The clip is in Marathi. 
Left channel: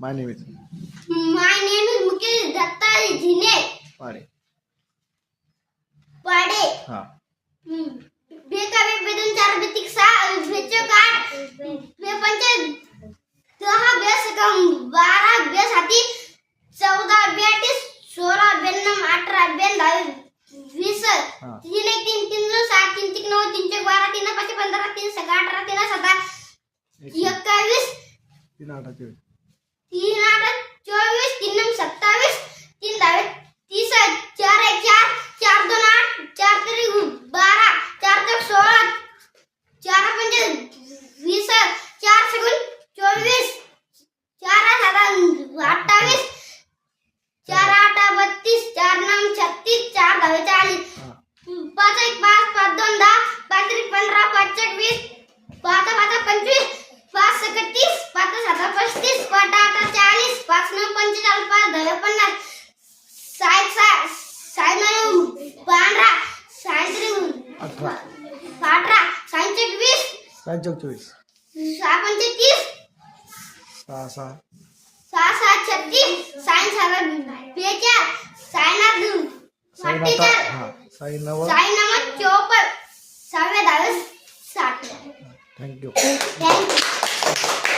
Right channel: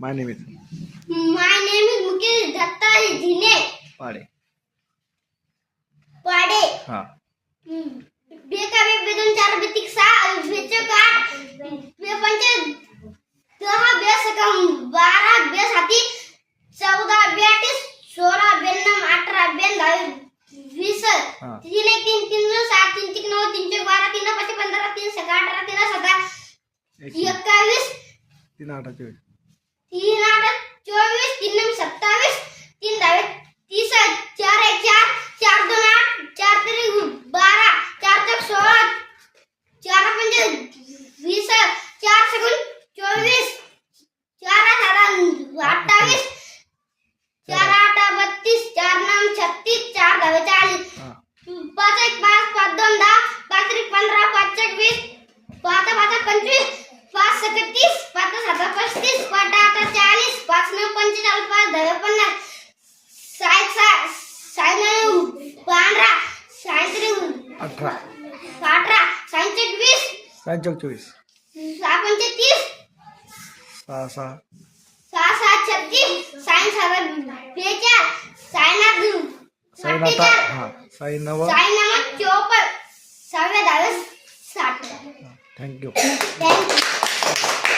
My name is Mukesh Datta Jhine Pade. Pade. हा. बेकावे बेदन 4 बेतिक 6 बेचक 8 बेपंच 10 बेसकम 12 बेसाती 14 बेतीस 16 बेनम 18 बेन 20 हा. 3 1 3 3 7 3 3 9 3 12 3 5 15 3 6 18 3 17 21 3 8 24 3 8 24 3 9 27 3 10 30 4 1 4 4 2 8 4 3 12 4 3 16 4 5 20 4 7 24 4 7 28 4 8 32 4 9 36 4 10 40 हा. 5 1 5 5 2 10 5 3 15 5 1 20 5 5 25 5 31 5 7 35 5 8 40 5 9 45 5 10 50 60 12 63 18 18 61 20 24 6 35 6 6 6 6 36 67 बेचाळ 69 साई नाता. हा. साई नव. 54 6 10 60. थँक्यू. थँक्यू.